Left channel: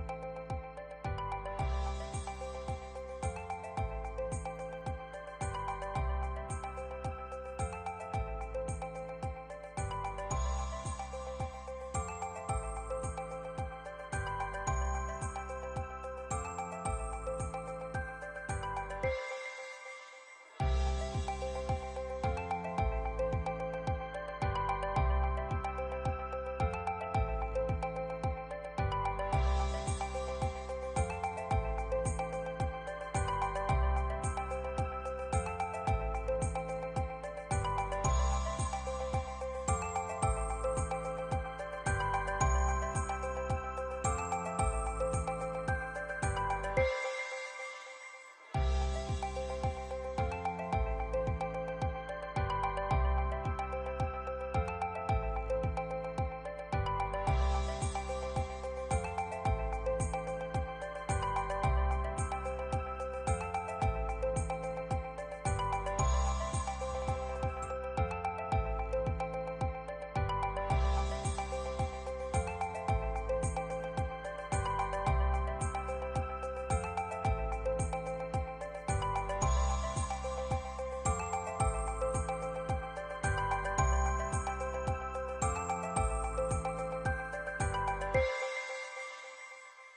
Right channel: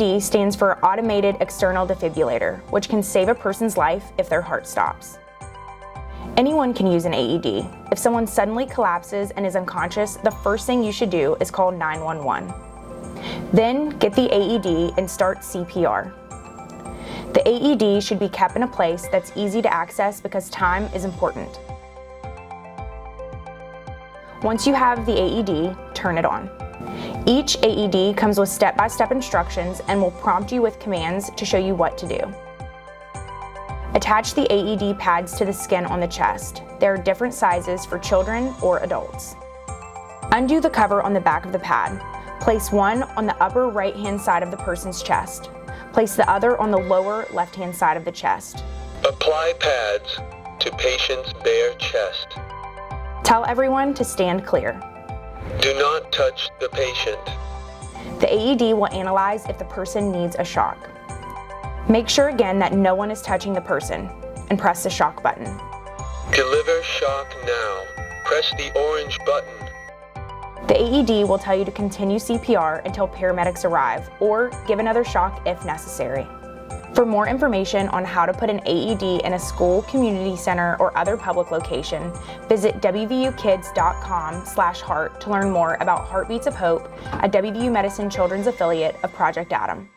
AED stands for Automated External Defibrillator, which can save a person's life if their heart stops. Anyone can use an AED. If someone suddenly collapses and is unconscious, the first thing you should do is call 911. Then get the AED and start CPR. The AED should be kept in a place that's easy to access because time is important. Once you have the AED, turn it on. Each AED comes with step-by-step instructions and will prompt you with commands to show you what to do. Attach the AED pads to the skin on the chest. There are different sizes for children or adults. Undo the cover on the back of the pad. Place one on the upper right-hand side of the person's chest. Place the other on the lower left-hand side of the chest. Apply pads to patient's bare chest. Tell everyone to stand clear. Do not touch the patient. The AED will analyze if the person needs a shock. Make sure again that no one is touching the person and press the shock button. Deliver shock now. Press the orange button. The AED will tell you to continue CPR until paramedics arrive or give another shock if necessary. For more information on how to put an AED in a school, community center, or other public location, visit wvukids.com/heart to learn more about Heartbeats of Hope, a WVU Medicine Children's affiliate of Project Adam.